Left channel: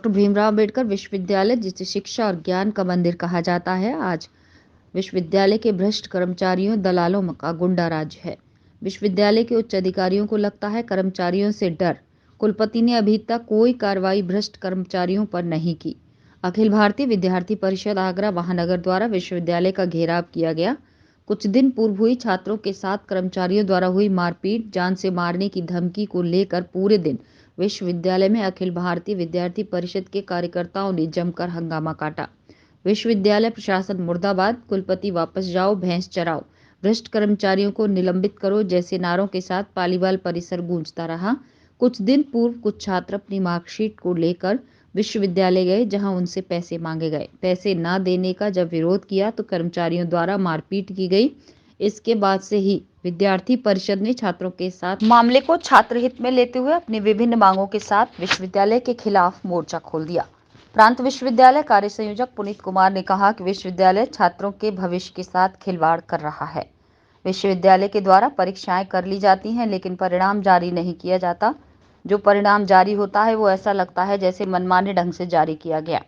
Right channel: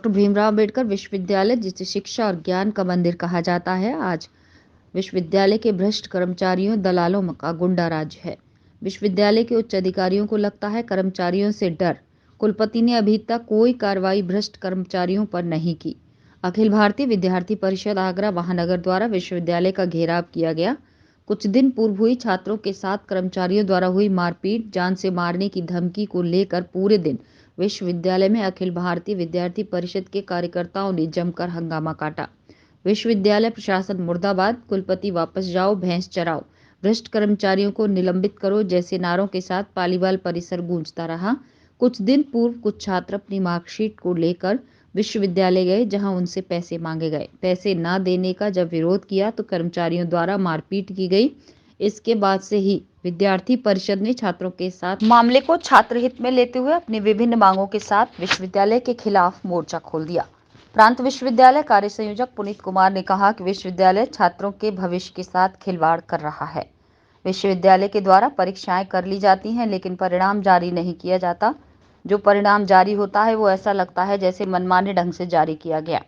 Doctor Bhimrao Ambedkar विश्वविद्यालय, जिसे शिक्षा और ज्ञान का मंदिर कहा जाता है, आज विश्वविद्यालय के भ्रष्ट कर्मचारियों दलालों का गुंडा राज है। विश्वविद्यालय के उच्च अधिकारियों को लगता है कर्मचारियों से डर। कुलपति ने अभी तक कोई कार्रवाई भ्रष्ट कर्मचारियों पर नहीं की। अखिल भारतीय विद्यार्थी परिषद आगरा महानगर द्वारा विश्वविद्यालय का घेराव किया गया। कुछ दिन पूर्व हुई छात्रों के साथ कर्मचारियों द्वारा हुई मारपीट, जान से मारने की धमकी को लेकर पूरे दिन विश्वविद्यालय में अखिल भारतीय विद्यार्थी परिषद के कार्यकर्ताओं ने जमकर हंगामा काटा। विश्वविद्यालय प्रशासन मुर्दाबाद, कुलपति वापस जाओ, भैंस चराओ, भ्रष्ट कर्मचारियों को निलंबित करो जैसे नारों के साथ पालीवाल परिसर गूंजता रहा। कुछ दिन पूर्व कुछ छात्र अपनी मार्कशीट को लेकर विश्वविद्यालय गए, जहां उनसे पैसे मांगे गए। पैसे न देने का जब विरोध किया तो कर्मचारियों द्वारा मारपीट की गई। इसके बाद से ही विद्यार्थी परिषद ने छात्रों के साथ मामले को छात्र हित में लेते हुए अपनी विभिन्न मांगों के साथ विश्वविद्यालय के खिलाफ मोर्चा खोल दिया। प्रांत विश्वविद्यालय कार्य संयोजक पुनीत कुमार ने कहा कि विश्वविद्यालय छात्रों के भविष्य के साथ खिलवाड़ कर रहा है। विश्वविद्यालय के द्वारा परीक्षाएं कर ली जाती हैं, लेकिन परिणाम जारी नहीं किया जाता। जो परिणाम जारी होता है वो ऐसा लगता है जैसे मनमाने ढंग से जारी किया गया।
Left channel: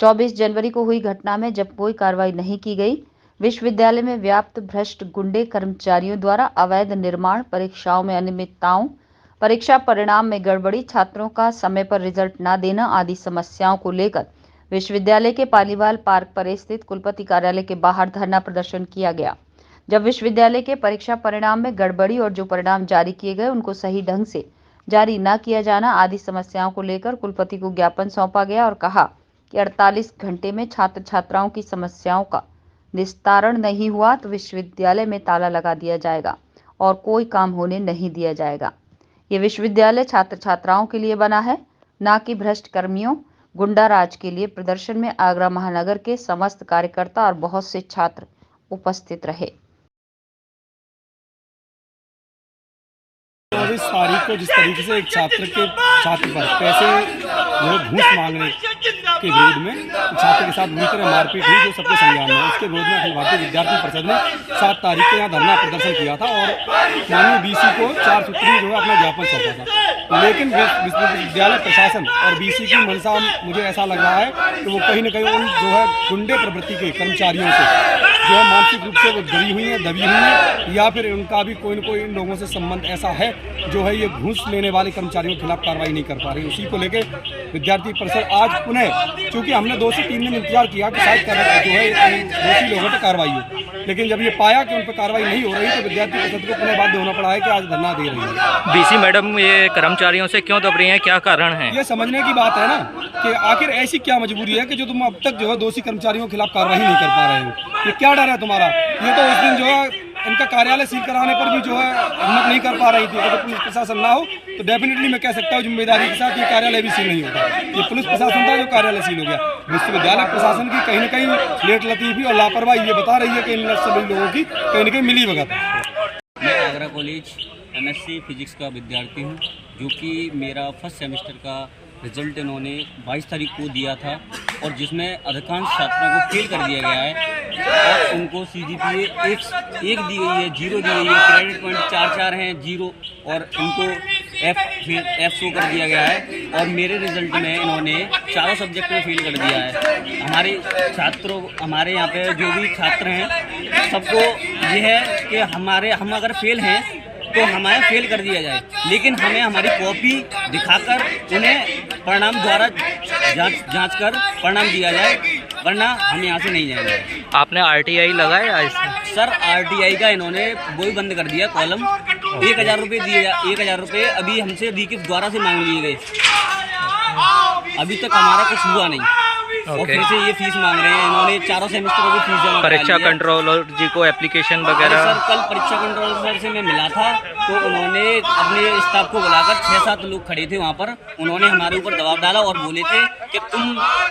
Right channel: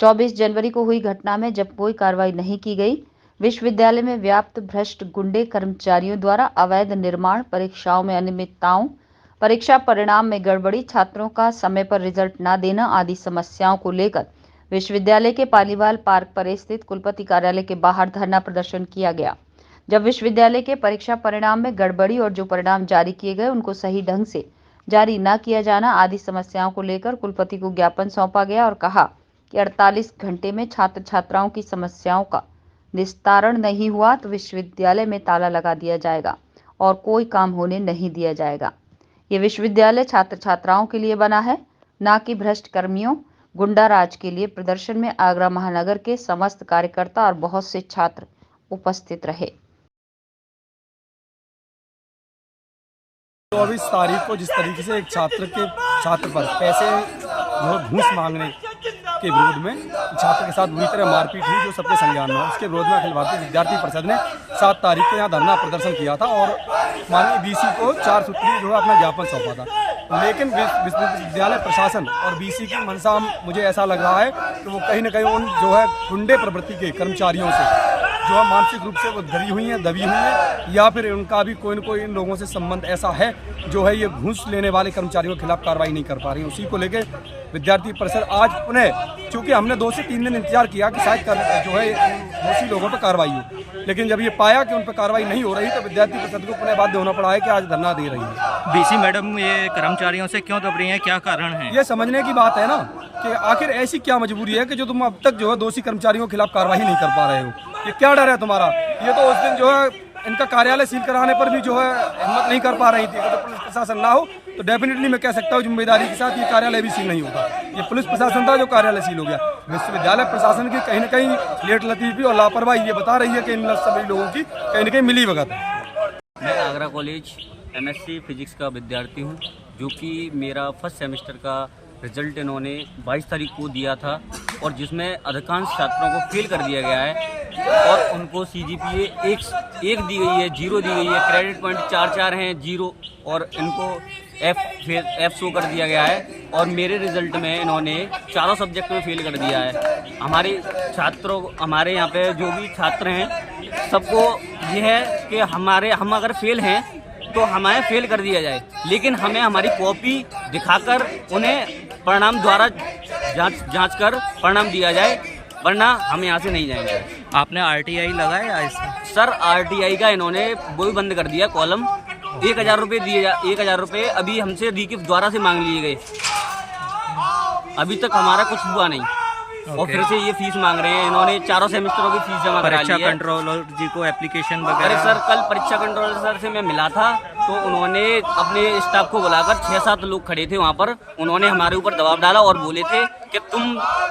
24 जनवरी को हुई घटना में जब कोई कार्रवाई नहीं की गई, विश्वविद्यालय में व्याप्त भ्रष्ट गुंडे कर्मचारियों द्वारा अवैध निर्माण, परीक्षाओं में अनियमितताओं, परीक्षा परिणाम में गड़बड़ी, छात्रों का समय पर रिजल्ट न देना आदि समस्याओं को लेकर विश्वविद्यालय के पालीवाल पार्क पर स्थित कुलपति कार्यालय के बाहर धरना प्रदर्शन किया गया। जब विश्वविद्यालय के परीक्षा परिणाम में गड़बड़ी और जो परिणाम जारी किए गए उनको सही ढंग से जारी न किया जाना आदि समस्याओं को लेकर कुलपति को ज्ञापन सौंपा गया और कहा कि 48 घंटे में छात्र छात्राओं की समस्याओं का निस्तारण नहीं हुआ तो विश्वविद्यालय में ताला लगा दिया जाएगा और कोई काम होने नहीं दिया जाएगा। ये विश्वविद्यालय छात्र छात्राओं के लिए बना है, न कि भ्रष्ट कर्मियों गुंडा राज के लिए। प्रदर्शन में आगरा महानगर के समस्त कार्यकर्ता और बहुत से छात्र उपस्थित रहे। 24 तारीख को जिस तरीके से एक छात्र पर पैसे जो घूस मांगने के विरोध में छात्र के साथ बुरी तरह मारपीट हुई, जो सबके संज्ञान में है, उसके विरोध में अखिल भारतीय विद्यार्थी परिषद ने 7 तारीख को यहाँ धरना प्रदर्शन किया था और माननीय बीसी को 4 सूत्री जो है अपना ज्ञापन सौंपा था। लेकिन विश्वविद्यालय प्रशासन और बीसी की मंशा मुझे ऐसा लग रहा है कि वो कहीं न कहीं उन जो है गुंडे प्रवृत्ति के कर्मचारियों से जो है मानसिक रूप से वो दबी हुई हैं, या फिर उनका भी कोई न कोई इन लोगों से संबंध ऐसा है जो है ये घूस लेने वाले कर्मचारियों के खिलाफ कार्रवाई नहीं कर पा रही। उसी को लेकर विद्यार्थी परिषद आज पुनः, चूंकि हमने 2 से 3 दिन इंतजार किया कि शायद जो है दोषी लोगों पर कार्रवाई हो, लेकिन जब ये पाया कि उन पर कार्रवाई नहीं हो रही तो विद्यार्थी परिषद को पुनः बाध्य होना पड़ा है कि आज धरना दे रही है। बीसी मैडम ये कर्मचारियों से क्यों दब रही हैं, क्या कारण है? ये समझने की बात है ना कि आखिर ऐसी क्या मजबूरी है कि जो तुम अब तक जो है दोषी कर्मचारियों के खिलाफ कार्रवाई नहीं कर पा रहे हो। ये क्या डर है तुम्हारा? ये तो उस दिन जो है इनका कार्यालय सील कराने पर भी जो है हिम्मत नहीं कर पा रही थी। अगर पुलिस प्रशासन ना हो तो डेफिनेटली मैं कह सकता हूँ जिम्मेदारी के साथ ये कार्यालय भी सील नहीं होता। ये पुलिस प्रशासन था जो कार्यालय सील हो गया। विश्वविद्यालय प्रशासन की कहीं न कहीं लेट लतीफी और लापरवाही ये बता रही है कि इन सभी लोगों की कहीं न कहीं मिली भगत है। मैं आगरा कॉलेज MSc फिजिक्स का विद्यार्थी हूँ, जो कि मेरा फर्स्ट सेमेस्टर का रिजल्ट इन्होंने 22 तारीख को दिया था और जिसमें अधिकांश छात्रों को फेल कर दिया गया है और उनको CGPA 1 दी गई है, 0 दी गई है, क्रेडिट पॉइंट 4 हैं 0 और इनको F शो कर दिया गया है। और मेरे रिजल्ट में इन्होंने चारों सब्जेक्ट में फेल कर दिया है। हमारे यहाँ पे जो भी छात्र हैं सबको ये है कि हम अगर फेल हैं तो हमें फेल कर दिया जाए, लेकिन हमें हमारी कॉपी दिखाकर उन्हें परिणाम द्वारा जांच कर परिणाम दिया जाए, वरना हम यहाँ से नहीं जाएंगे। आपने RTI लगाया इसमें? सर RTI का इन्होंने वो भी बंद कर दिया, कॉलम 1000 रुपये दिए, 1000 रुपये अभी हमसे रिकिफ द्वारा से मांग लिए गए। अभी तक हमारा कुछ हुआ नहीं और फिर से ये फीस मांग रहे हैं। इन्होंने चारों सेमेस्टरों की फीस जमा करा ली है। परीक्षा कंट्रोलर जी को एप्लीकेशन वगैरह? सर कल परीक्षा कंट्रोलर सर से मैं मिला था तो उन्होंने अपने स्टाफ को बुलाकर 6-7 लोग खड़े थे वहाँ पर, उन्होंने हमारे ऊपर दबाव डाला और बोले थे कि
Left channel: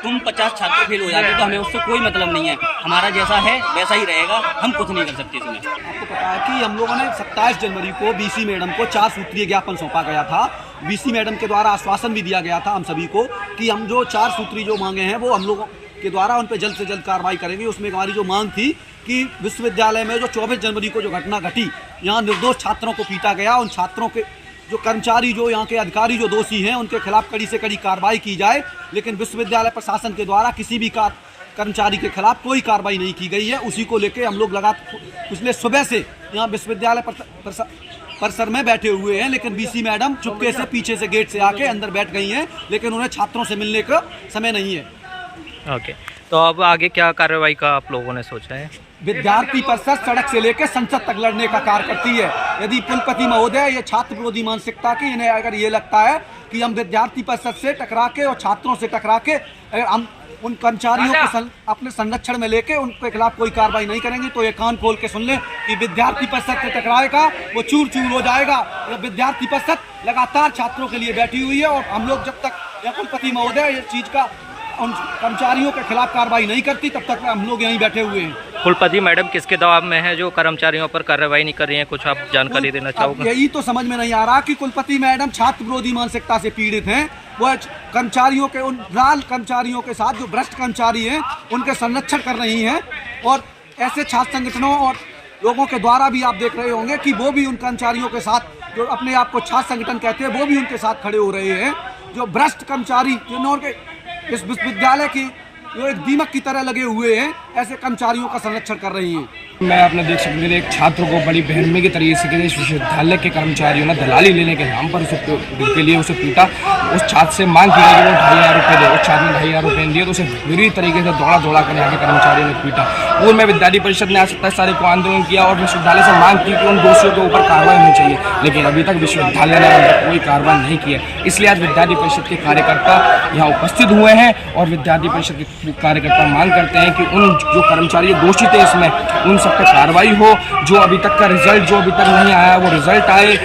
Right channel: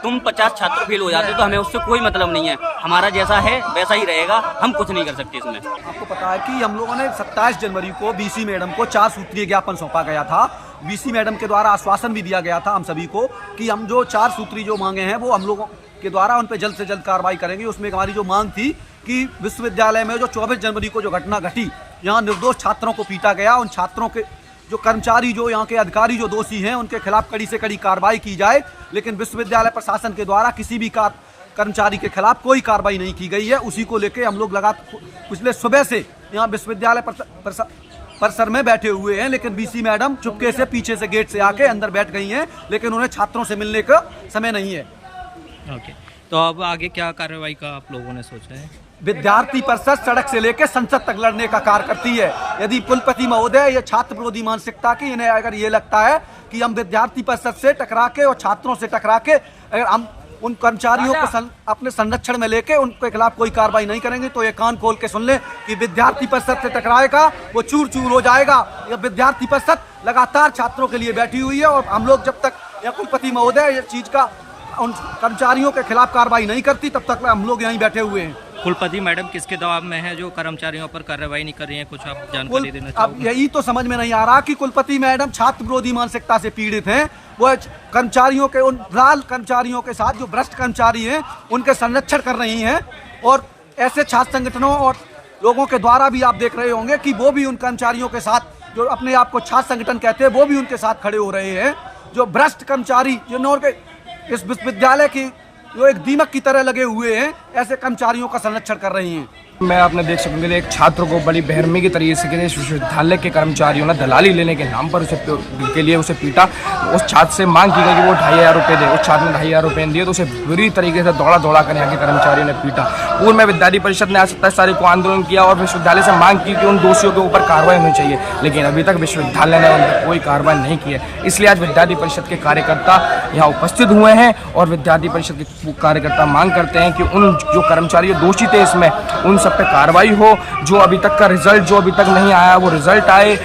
तुम 50 छात्र फेल हो जाते तो हमें उससे कोई मतलब नहीं है, हमारा जैसा है वैसा ही रहेगा, हम कुछ नहीं कर सकते इसमें। आपको पता है कि हम लोगों ने 27 जनवरी को बीसी मैडम को 4 सूत्रीय ज्ञापन सौंपा गया था। बीसी मैडम के द्वारा आश्वासन भी दिया गया था हम सभी को कि हम जो 4 सूत्री जो मांगे हैं वो हम लोगों के द्वारा उन पर जल्द से जल्द कार्रवाई करेंगे। उसमें हमारी जो मांग थी कि विश्वविद्यालय में जो 24 जनवरी को जो घटना घटी, यहाँ निर्दोष छात्रों को पीटा गया, उन छात्रों के जो कर्मचारी, जो यहाँ के अधिकारी जो दोषी हैं, उनके खिलाफ कड़ी से कड़ी कार्रवाई की जाए। लेकिन विश्वविद्यालय प्रशासन के द्वारा किसी भी कर्मचारी के खिलाफ कोई कार्रवाई नहीं की गई है। उसी को लेकर हम लोग लगातार पिछले सुबह से यहाँ विश्वविद्यालय परिसर में बैठे हुए हैं। लेकिन बीसी मैडम चुपके से पीछे से गेट से आके अंदर बैठ गई हैं, लेकिन उन्हें छात्रों से मिलने का समय नहीं है। ओके, तो अब आगे क्या कार्रवाई का आप लोगों ने सोचा है? विद्यार्थी परिषद सड़क से लेकर संसद तक लड़ने का कार्य करती है। यदि कुलपति महोदय ये छात्र विरोधी मानसिकता की, इन्हें अगर ये लगता है कि हम विद्यार्थी परिषद से टकरा के और छात्रों से टकरा के अगर हम उन कर्मचारियों को अपने संरक्षण में लेके उनके खिलाफ कोई कार्रवाई नहीं करेंगे, तो ये कान खोल के सुन ले कि विद्यार्थी परिषद से टकराएगा वो चूर चूर हो जाएगा। विद्यार्थी परिषद लगातार छात्रों के लिए बैठी हुई है और हम लोग जब तक या कुलपति महोदय ये चीज का उन कर्मचारियों के खिलाफ कार्रवाई नहीं करती, तब तक हम लोग यहीं बैठे हुए हैं। कुलपति मैडम किसके दबाव में है जो कर्मचारियों पर कार्रवाई नहीं कर रही हैं? कुछ आप जानकारी देना चाहोगे? यही तो समझ में नहीं आ रहा कि कुलपति मैडम छात्र विरोधी मानसिकता से पीड़ित हैं। वो कर्मचारियों के, उन लाल कर्मचारियों के साथ जो भ्रष्ट कर्मचारी हैं उनके संरक्षण कर रही हैं। और ऐसे छात्र संगठनों और लोगों के द्वारा भी आप देख रहे होंगे कि वो भी उन कर्मचारियों के साथ, जो अपने आप को छात्र संगठन कहते हैं, वो भी उनके साथ खड़े हो रहे हैं। जो भ्रष्ट कर्मचारी जिन्होंने इस विश्वविद्यालय की जो एक दीमक की तरह लगे हुए हैं, ऐसे कर्मचारियों का संरक्षण कर रही हैं। मैं अपने देख सकूँगी एक छात्र को बड़ी बेरहमी के तरीके से विश्वविद्यालय के कर्मचारियों ने दलाली लेने के नाम पर उसे पीटा। उस छात्र से मांग की गई कि वो 2500 रुपये दे। उस छात्र ने 2500 रुपये दिए तो उसे बुरी तरीके से दौड़ा कर यहाँ के कर्मचारियों ने पीटा। पूर्व में विद्यार्थी परिषद ने आज 27 तारीख को आंदोलन किया और विश्वविद्यालय से मांग की कि उन दोषियों के ऊपर कार्रवाई होनी चाहिए, लेकिन अभी तक विश्वविद्यालय ने उन पर कोई कार्रवाई नहीं की है। इसलिए आज विद्यार्थी परिषद के कार्यकर्ता यहाँ उपस्थित हुए हैं और विद्यार्थी परिषद के कार्यकर्ता मांग करते हैं कि उन जो कर्मचारी दोषी थे इसमें, उन सब पर कार्रवाई हो। जो अभी तक का रिजल्ट जो अभी तक नहीं आया वो रिजल्ट आए,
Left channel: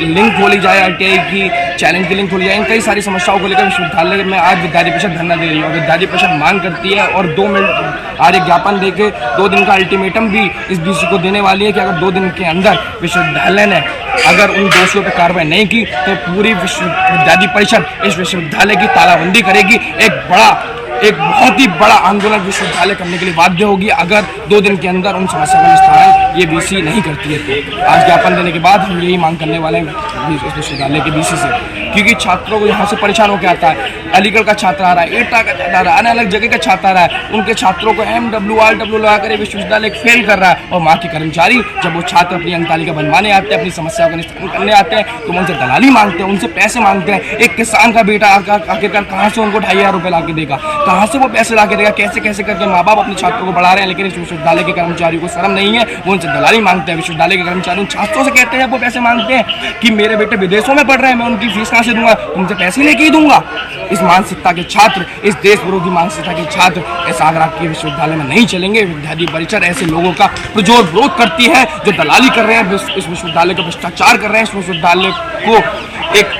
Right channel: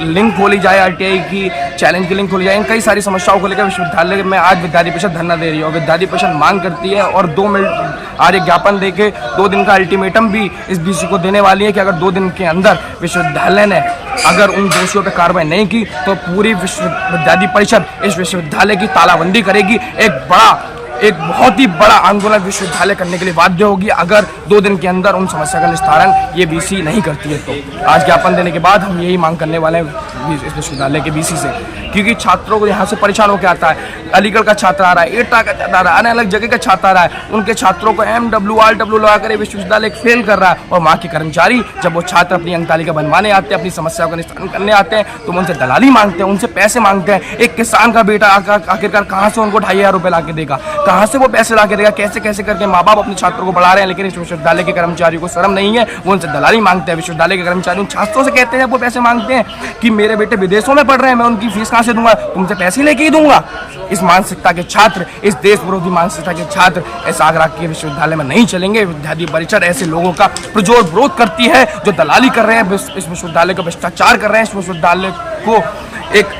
लिंक खोली जाए आरटीआई की, चैलेंज की लिंक खोली जाए। इन कई सारी समस्याओं को लेकर विश्वविद्यालय में आज विद्यार्थी परिषद धरना दे रही है और विद्यार्थी परिषद मांग करती है और 2 मिनट आज एक ज्ञापन देके 2 दिन का अल्टीमेटम भी इस बीसी को देने वाली है कि अगर 2 दिन के अंदर विश्वविद्यालय ने अगर उन दोषियों पर कार्रवाई नहीं की तो पूरी विद्यार्थी परिषद इस विश्वविद्यालय की तालाबंदी करेगी। एक बहुत ही बड़ा आंदोलन विश्वविद्यालय करने के लिए बाध्य होगी अगर 2 दिन के अंदर उन समस्या का निस्तारण ये बीसी नहीं करती है। तो आज ज्ञापन देने के बाद हम यही मांग करने वाले हैं इस विश्वविद्यालय के बीसी से, क्योंकि छात्रों को यहाँ से परेशान होकर आता है। अलीगढ़ का छात्र आ रहा है, एटा का छात्र आ रहा है, अलग अलग जगह का छात्र आ रहा है। उनके छात्रों को MW RW लगा कर विश्वविद्यालय फेल कर रहा है और वहाँ के कर्मचारी जब वो छात्र अपनी अंकतालिका बनवाने आते हैं, अपनी समस्याओं का निस्तारण करने आते हैं, तो उनसे दलाली मांगते हैं, उनसे पैसे मांगते हैं। एक किसान का बेटा आखिरकार कहाँ से उनको 2500 रुपये ला के देगा? कहाँ से वो पैसे ला के देगा? कैसे कैसे करके माँ बाप अपने छात्रों को बढ़ा रहे हैं, लेकिन इस विश्वविद्यालय के कर्मचारियों को शर्म नहीं है, वो उनसे दलाली मांगते हैं। विश्वविद्यालय के कर्मचारी उन छात्रों से कहते हैं जब वो पैसे मांगते हैं कि मेरे बेटे विदेशों में पढ़ रहे हैं, मैं उनकी फीस कहाँ से दूंगा? तुमसे पैसे लेके ही दूंगा। इस मानसिकता के छात्र, इस देश विरोधी मानसिकता के छात्र ऐसा आगरा के विश्वविद्यालय में नहीं चलेंगे। विद्यार्थी परिषद ऐसे लोगों का प्रजोर विरोध करती है जो दलाली कर रहे हैं, इस विश्वविद्यालय को भ्रष्टाचार कर रहे हैं, इस विश्वविद्यालय को एक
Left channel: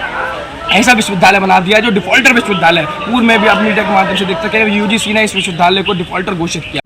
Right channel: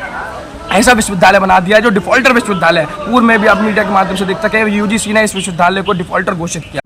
ऐसा विश्वविद्यालय बना दिया है जो डिफॉल्टर विश्वविद्यालय है। पूर्व में भी आप मीडिया के माध्यम से देख सके यूजीसी ने इस विश्वविद्यालय को डिफॉल्टर घोषित किया।